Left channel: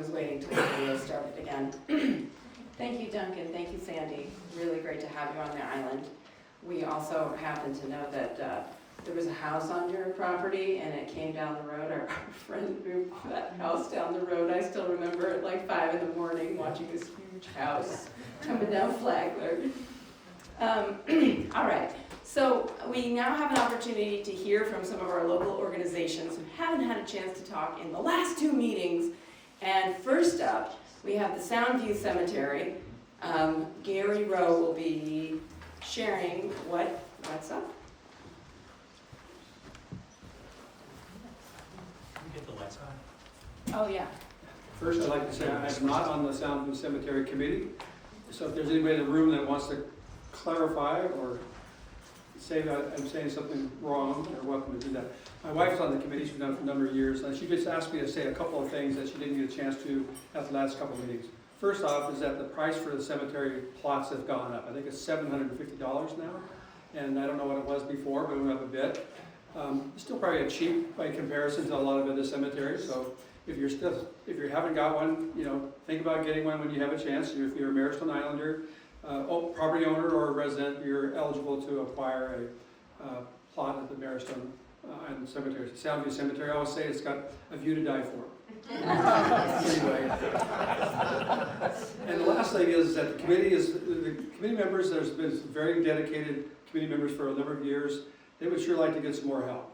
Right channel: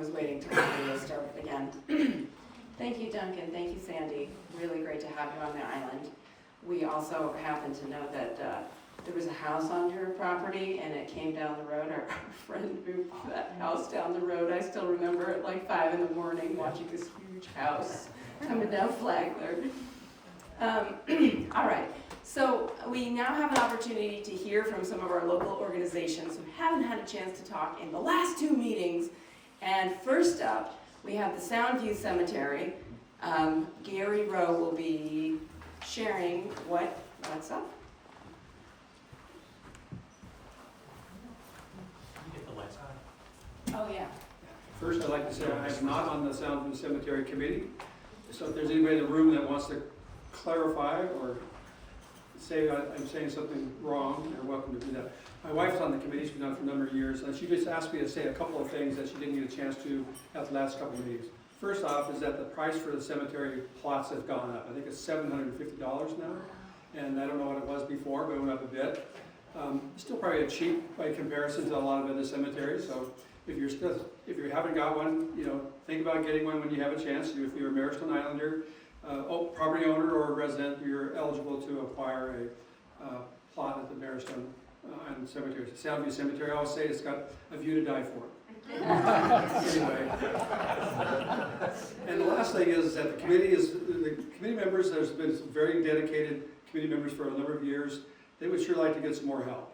was waiting till the video started again. Thank you, Duncan. Thank you, Sandy. Really great to have you on the island. We also happen to know that there was a house on your property and it came down the road. Our friend moved that house down the road. I still remember at like 5 in the morning watching this huge house coming down Flagler. All right, so we now have an opportunity to hear from some of our local organizations who haven't had a chance to talk in the last 2 meetings. And first up, we have the Soundview Cemetery. Gary Rowe will be sharing what's up. Can you get the lights on? Oh, yeah. First, I'd like to say I'm not on the Soundview Cemetery Committee. So if there's anybody in the room that wants to clarify or say that I'm saying something wrong, you're welcome to do that. My wife's on the committee, she's been on it for a number of years, and she just asked me to say a couple of things that she didn't get a chance to at the last couple of meetings. First off is that the price for the cemetery plots have gone up. I think it's $750 now, and I don't know what it was before, but it went up a bit. Still probably cheap by comparison to a lot of other cemeteries, so if you haven't got one, think about getting one when you have a chance. If you're a Maristone Islander, property owner or a resident, you're eligible to acquire a plot at the Maristone Island Cemetery. It's Soundview Cemetery. I always say it's got a view to die for. Anyway, and the last thing is that the committee members. There's been some very dedicated committee members for a number of years. They would sure like to get some more help.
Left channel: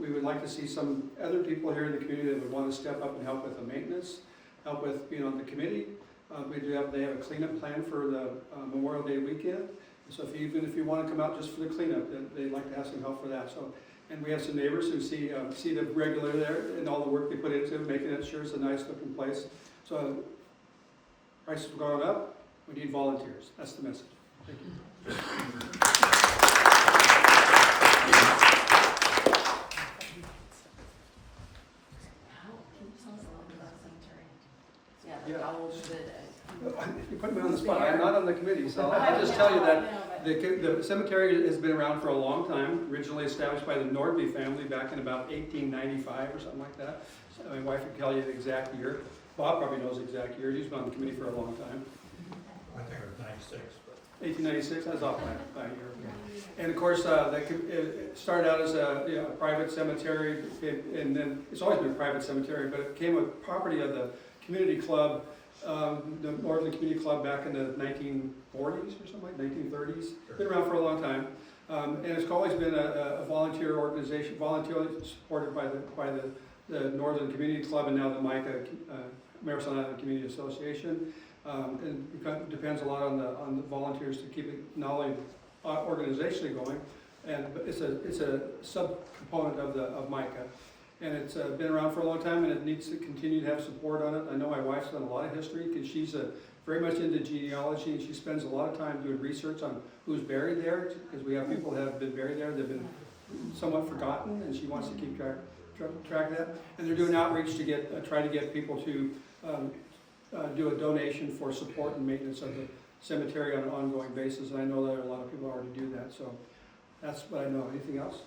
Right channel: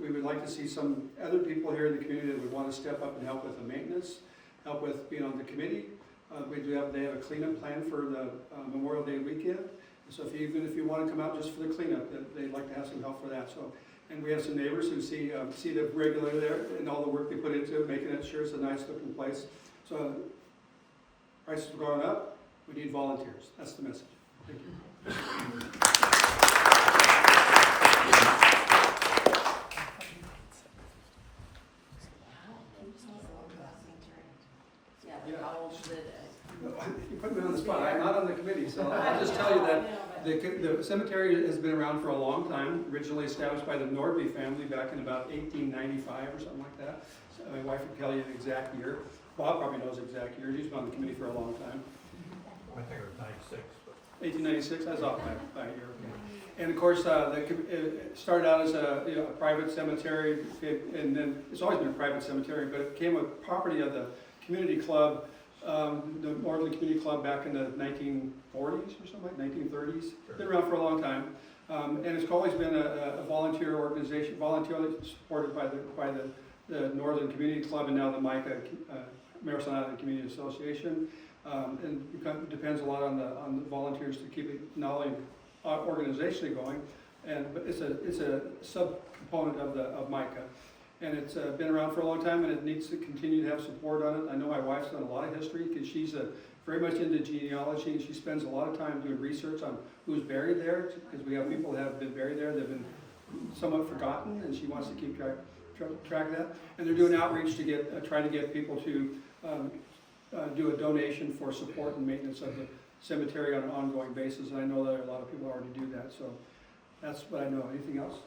We would like to see some other people here in the community that would want to step up and help with the maintenance, help with being on the committee. They have a cleanup plan for the Memorial Day weekend. So even if you want to come out just for the cleanup, they'd like to have some help for that. So, and we have some neighbors who see the regular there and all the work they put into making it sure it's a nice looking place. So prices are going up. We need volunteers. That's the message. Thank you. You put me on the spot. I'm not on the committee, so I'll just tell you that the cemetery has been around for a long time. Originally established by the Nordby family back in about 1895 or something like that. So my wife can tell you the exact year. Bob probably knows the exact year. He's been on the committee for a long time. I think it was 96. 1896. That's off by a year. Okay. And of course, it started out as a private cemetery, and then it's always been a private cemetery, but it became a property of the community club. The Northern Community Club back in the 1940s or something like 1930s. Been around for a long time, and it's always been a volunteer organization, voluntarily supported by the Northern Community Club and now the MICA Maristone Island Community Association. And it depends a lot on the volunteers to keep it not only organizationally going, but it's a subcomponent of MICA. And it's been around for a long time, and it needs to continue to have support on it. I know my wife's done a lot of history because she's very much into genealogy, and she spends a lot of time doing research on who's buried there, because we have people that have been buried there that have been somewhat forgotten, and she wants to keep track of that. And they're doing outreach to try to get people to do a donation for support and maintenance of the cemetery on an ongoing basis. And I know that a lot of people already do that, so that's what I know. Anything else?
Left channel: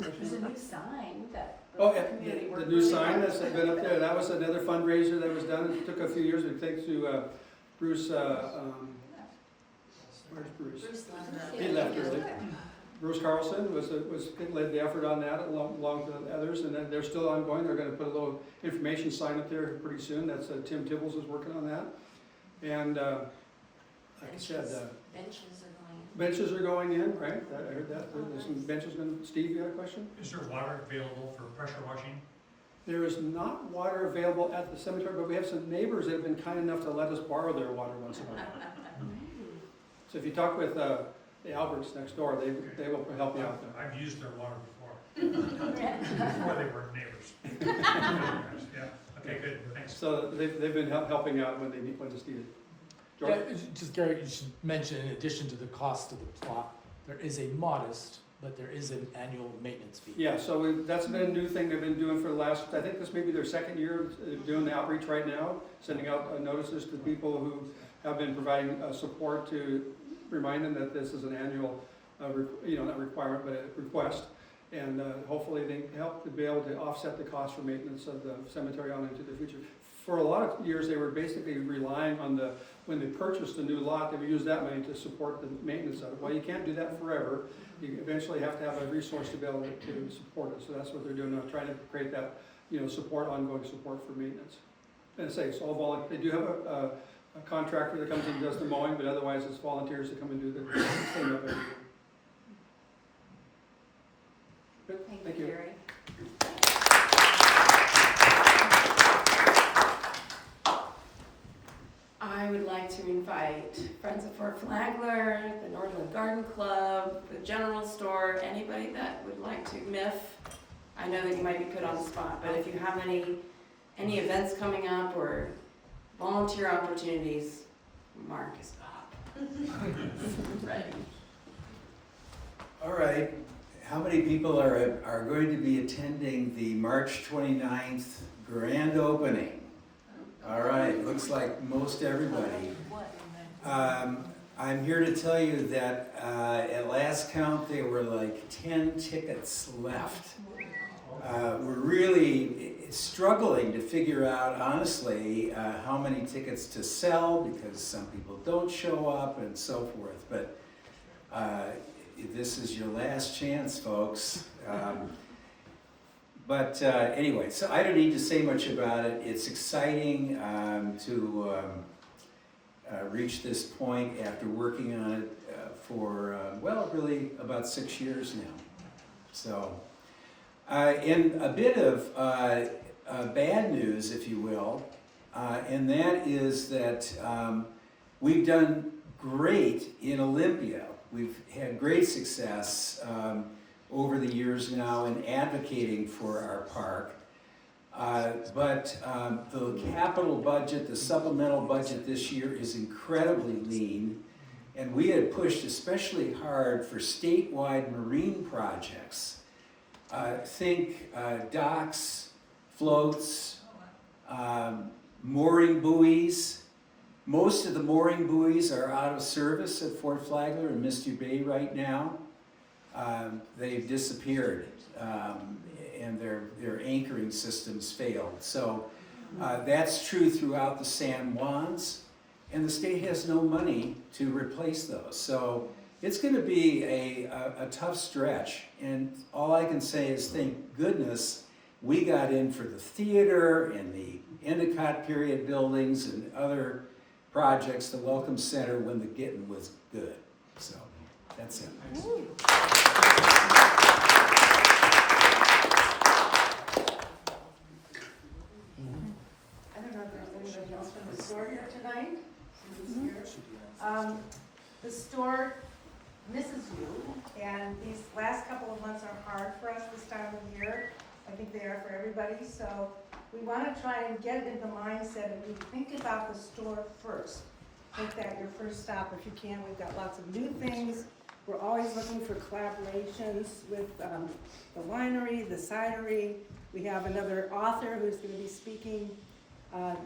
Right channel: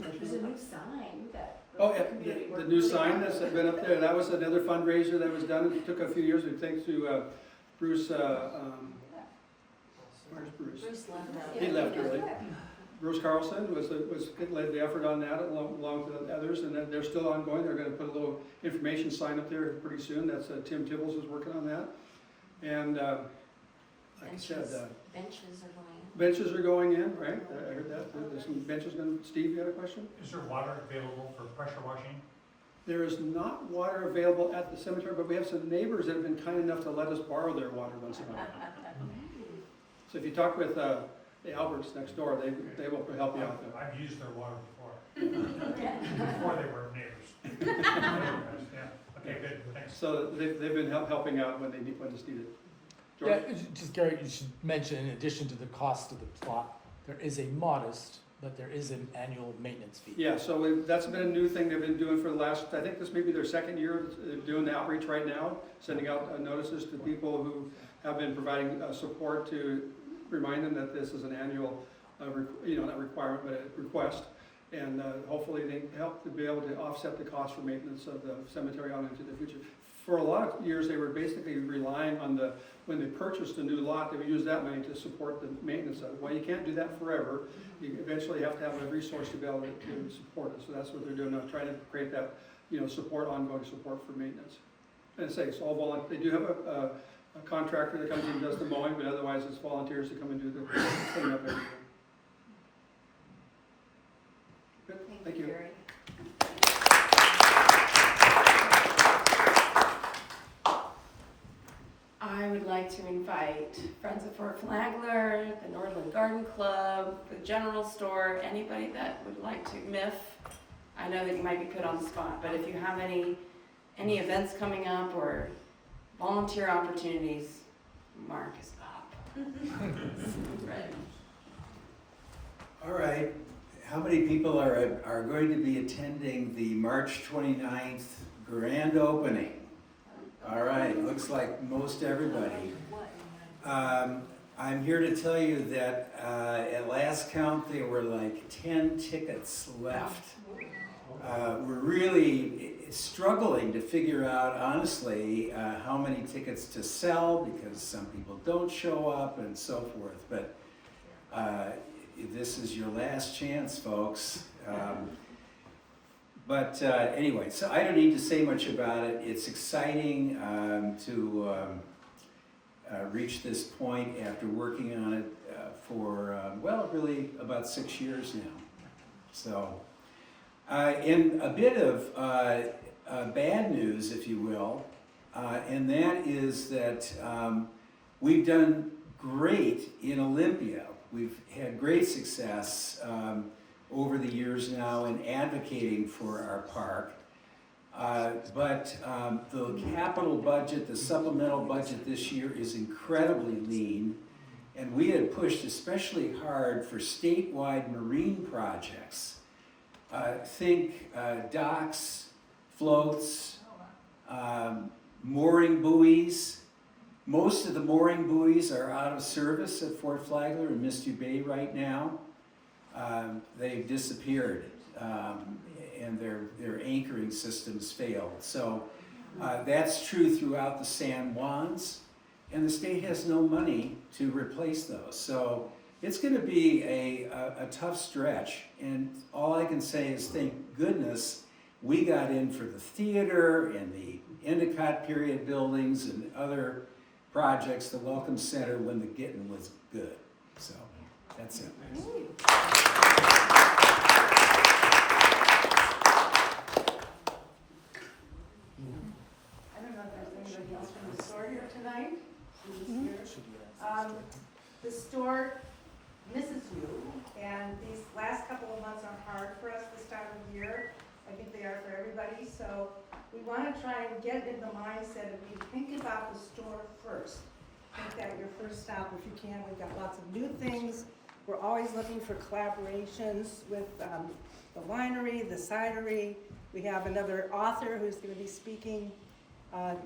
There's a new sign that... Oh, yeah, the new sign that's been up there. That was another fundraiser that was done. It took a few years. Thanks to Bruce. Where's Bruce? Bruce left. He left early. Bruce Carlson led the effort on that along with others, and then they're still ongoing. They're going to put a little information sign up there pretty soon. That's Tim Tibbles is working on that, and like I said, benches are going in, right? I heard that. There's some benches going. Steve, you got a question? Is there water available for pressure washing? There is not water available at the cemetery, but we have some neighbors that have been kind enough to let us borrow their water once in a while. So if you talk with the Alberts next door, they will help you out there. I've used their water before. Before they were neighbors. Yeah. Okay, good. Thanks. So they've been helping out when it's needed. George? Yeah, just Gary, you should mention, in addition to the cost of the plot, there is a modest, but there is an annual maintenance fee. Yeah, so that's been a new thing they've been doing for the last, I think this may be their second year doing the outreach right now, sending out notices to people who have been providing support to remind them that this is an annual, not requirement, but a request. And hopefully they help to be able to offset the cost for maintenance of the cemetery on into the future. for a lot of years, they were basically relying on when they purchased a new lot, they would use that money to support the maintenance of it. Well, you can't do that forever. You eventually have to have a resource to be able to support it. So that's what they're doing now, trying to create that, support, ongoing support for maintenance. And say, it's all volunteer. They do have a contractor that comes in and does the mowing, but otherwise it's volunteers that come and do the cleanup every year. Good, thank you. Gary. I would like to invite Friends of Fort Flagler, the Northland Garden Club, the general store, anybody that would like to MIF. I know that you might be put on the spot, but if you have any events coming up or volunteer opportunities, Mark is up. Ready. All right, how many people are going to be attending the March 29th grand opening? All right, looks like most everybody. I'm here to tell you that at last count, there were like 10 tickets left. We're really struggling to figure out, honestly, how many tickets to sell because some people don't show up and so forth. But this is your last chance, folks. But anyway, so I don't need to say much about it. It's exciting to reach this point after working on it for, really about 6 years now. So, and a bit of bad news, if you will, and that is that we've done great in Olympia. We've had great success over the years now in advocating for our park. But the capital budget, the supplemental budget this year is incredibly lean. And we had pushed especially hard for statewide marine projects. Think docks, floats, mooring buoys. Most of the mooring buoys are out of service at Fort Flagler and Misty Bay right now. They've disappeared, and their anchoring systems failed. So that's true throughout the San Juans, and the state has no money to replace those. So it's going to be a tough stretch, and all I can say is thank goodness we got in for the theater and the Endicott period buildings and other projects, the Welcome Center, when the getting was good. So that's it. I don't know if there's anybody else from the store here tonight. The store misses you, and these last couple of months are hard for us this time of year. I think they are for everybody, so we want to try and get in the mindset of you think about the store first. Make that your first stop if you can. We've got lots of new things. We're always looking for collaborations with the winery, the cidery. We have another author who's going to be speaking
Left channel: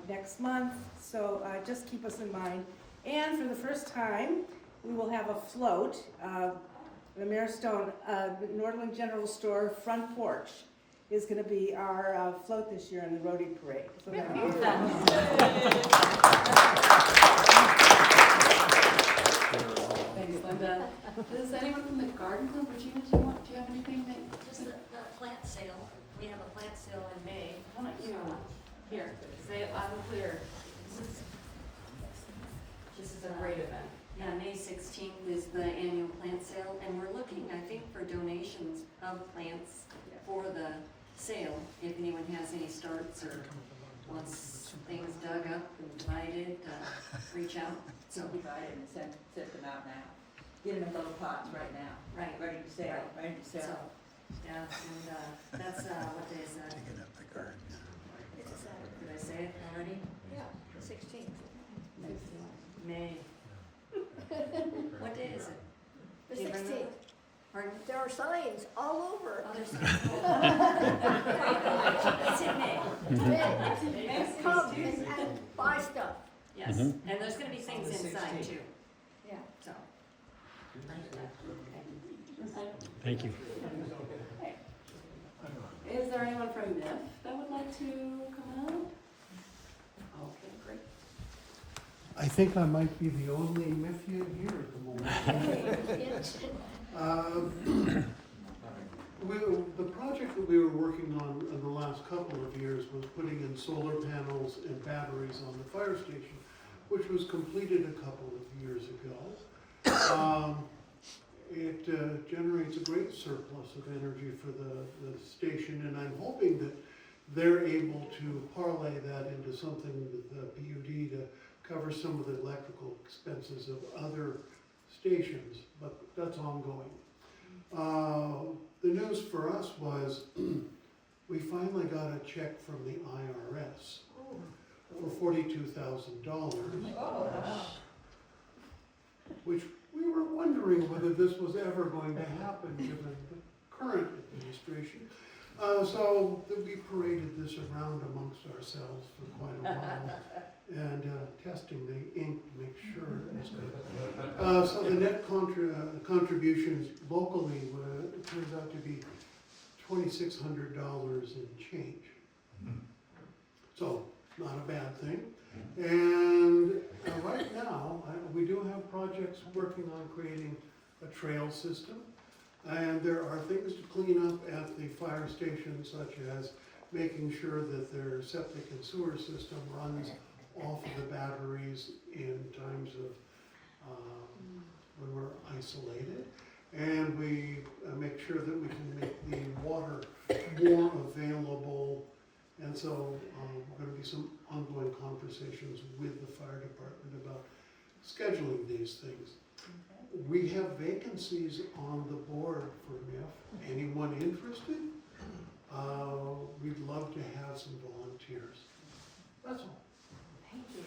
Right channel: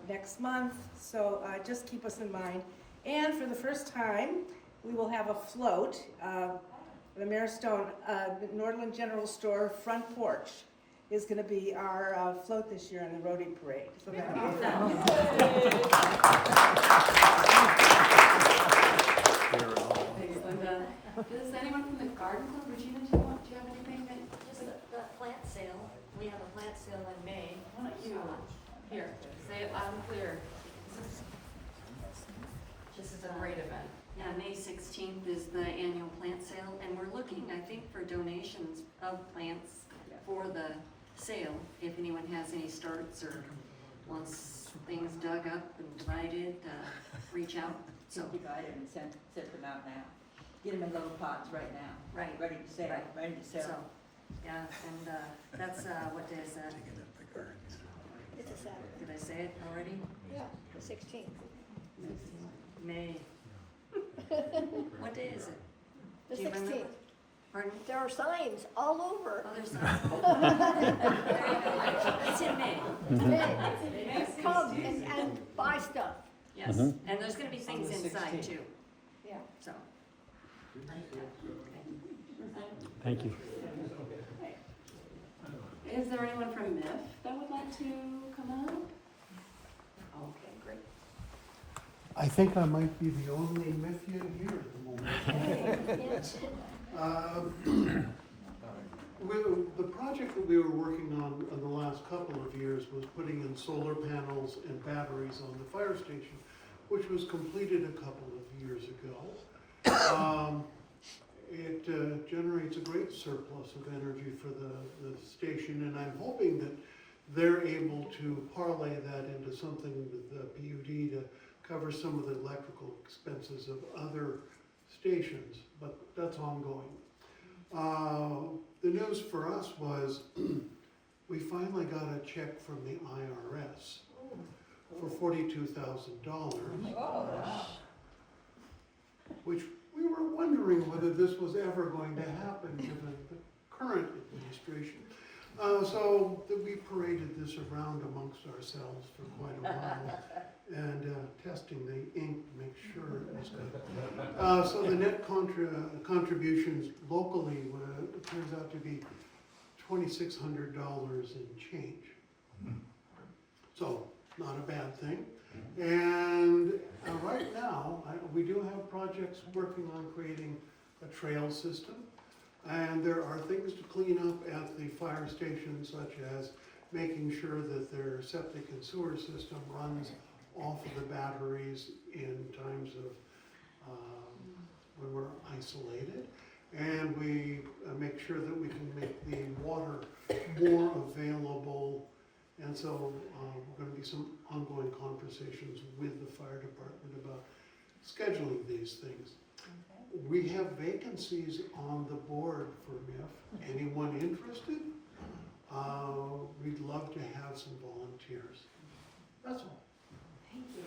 next month, so just keep us in mind. And for the first time, we will have a float. The Maristone Nordland General Store front porch is going to be our float this year in the Rotary Parade. So that'll be fun. Thanks, Linda. Does anyone from the garden club, Regina, do you have anything that? Just the plant sale. We have a plant sale in May. How about you? Here, say it loud and clear. This is a great event. Yeah, May 16th is the annual plant sale, and we're looking, I think, for donations of plants for the sale. If anyone has any starts or wants things dug up and divided, reach out. So divide them and send them out now. Get them in little pots right now. Right. Ready to sell, Right. ready to sell. So, yeah, and that's, what day is that? Did I say it already? Yeah, 16th. May. What day is it? The Do you remember? 16th. Pardon? There are signs all over. Other side. There you go. It's in May. Come and buy stuff. Yes, and there's gonna be things inside too, Yeah. so. Thank you. Is there anyone from MIF that would like to come up? I think I might be the only Memphian here at the moment. The project that we were working on in the last couple of years was putting in solar panels and batteries on the fire station, which was completed a couple of years ago. It generates a great surplus of energy for the station, and I'm hoping that they're able to parlay that into something with the PUD to cover some of the electrical expenses of other stations, but that's ongoing. The news for us was we finally got a check from the IRS for $42,000, which we were wondering whether this was ever going to happen given the current administration. So we paraded this around amongst ourselves for quite a while and testing the ink to make sure it was good. So the net contributions locally turns out to be $2,600 and change. So not a bad thing. And right now, we do have projects working on creating a trail system. And there are things to clean up at the fire station, such as making sure that their septic and sewer system runs off of the batteries in times of when we're isolated. And we make sure that we can make the water more available. And so going to be some ongoing conversations with the fire department about scheduling these things. We have vacancies on the board for MIF. Anyone interested? We'd love to have some volunteers. That's all. Thank you.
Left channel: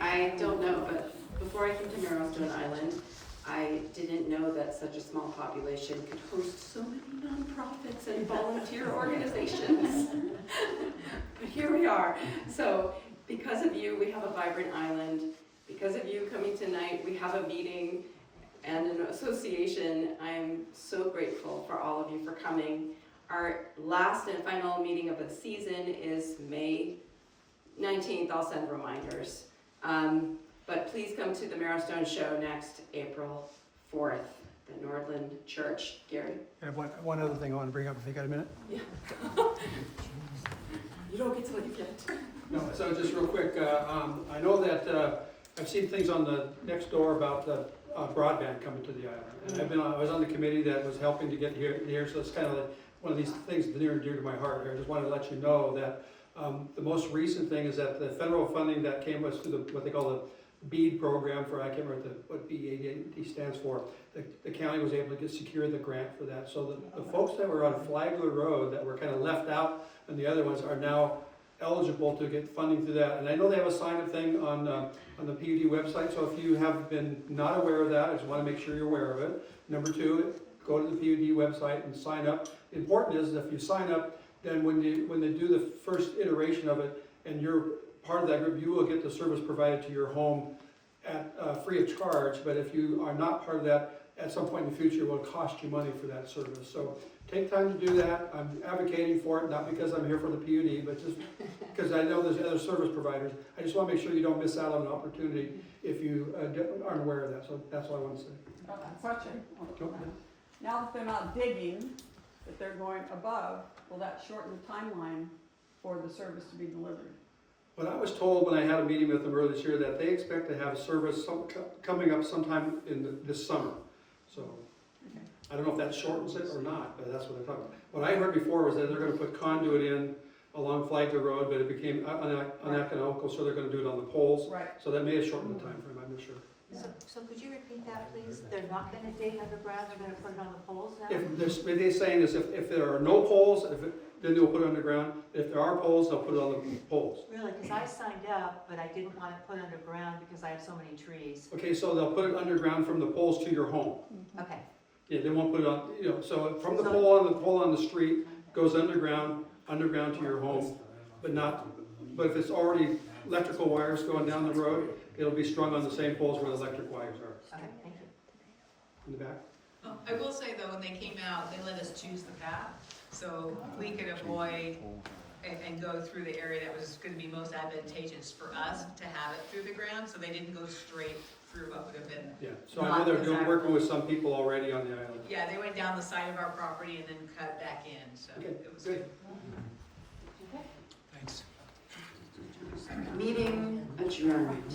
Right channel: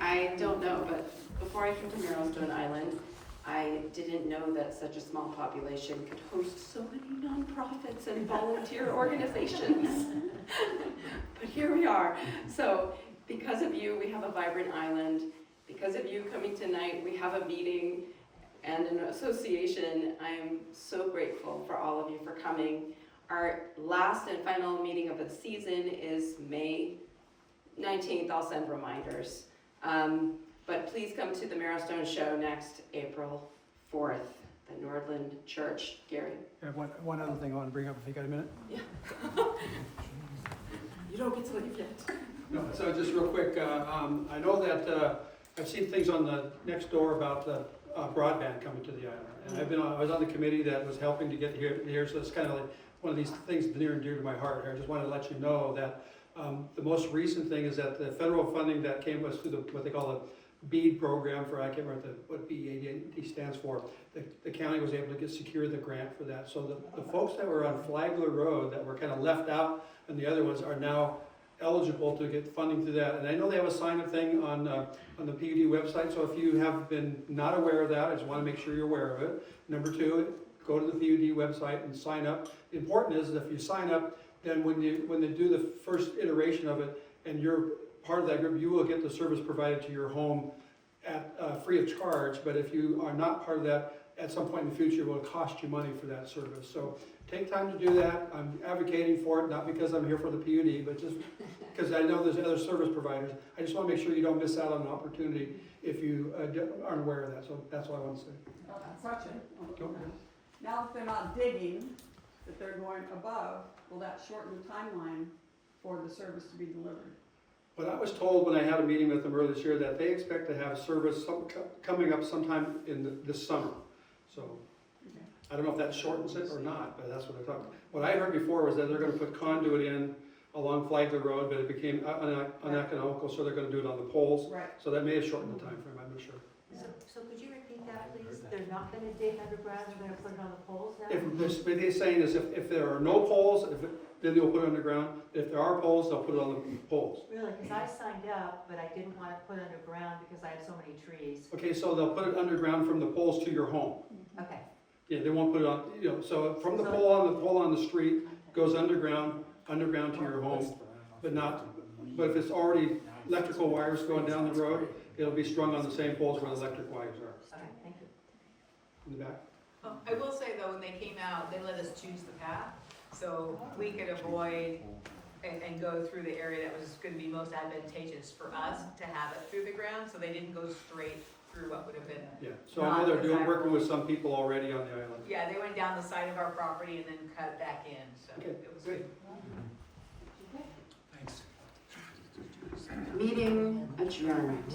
I don't know, but before I came to Marrowstone Island, I didn't know that such a small population could host so many nonprofits and volunteer organizations. But here we are. So because of you, we have a vibrant island. Because of you coming tonight, we have a meeting and an association. I'm so grateful for all of you for coming. Our last and final meeting of the season is May 19th. I'll send reminders. But please come to the Marrowstone Show next April 4th, the Nordland Church. Gary? And one other thing I want to bring up, if you got a minute? Yeah. You don't get to leave yet. No, so just real quick, I know that I've seen things on the next door about the broadband coming to the island. And I was on the committee that was helping to get here, so it's kind of like one of these things near and dear to my heart here. I just wanted to let you know that the most recent thing is that the federal funding that came us through what they call the BEAD program for, I can't remember what BEAD stands for, the county was able to secure the grant for that. So the folks that were on Flagler Road that were kind of left out and the other ones are now eligible to get funding through that. And I know they have a sign-up thing on the PUD website, so if you have been not aware of that, I just want to make sure you're aware of it. Number two, go to the PUD website and sign up. The important is that if you sign up, then when they do the first iteration of it and you're part of that group, you will get the service provided to your home at free of charge. But if you are not part of that, at some point in the future, it will cost you money for that service. So take time to do that. I'm advocating for it, not because I'm here for the PUD, but just because I know there's other service providers. I just want to make sure you don't miss out on an opportunity if you aren't aware of that. So that's all I want to say. Question. Go ahead. Now that they're not digging, that they're going above, will that shorten the timeline for the service to be delivered? But I was told when I had a meeting with them earlier this year that they expect to have service coming up sometime in this summer. So Okay. I don't know if that shortens it or not, but that's what I thought. What I heard before was that they're going to put conduit in along Flagler Road, but it became uneconomical, so they're going to do it on the poles. Right. So that may have shortened the time frame, I'm not sure. So could you repeat that, please? They're not gonna dig underground, they're gonna put it on the poles now? If what they're saying is if there are no poles, then they'll put it underground. If there are poles, they'll put it on the poles. Really, because I signed up, but I didn't want it put underground because I have so many trees. Okay, so they'll put it underground from the poles to your home. Okay. Yeah, they won't put it on, so from the pole on the street goes underground to your home, but if it's already electrical wires going down the road, it'll be strung on the same poles where the electric wires are. Okay, thank you. In the back? I will say though, when they came out, they let us choose the path. So we could avoid and go through the area that was gonna be most advantageous for us to have it through the ground, so they didn't go straight through what would have been. Yeah, so I know they're doing, working with some people already on the island. Yeah, they went down the side of our property and then cut back in, so Okay, it was good. good. Thanks. Meeting adjourned.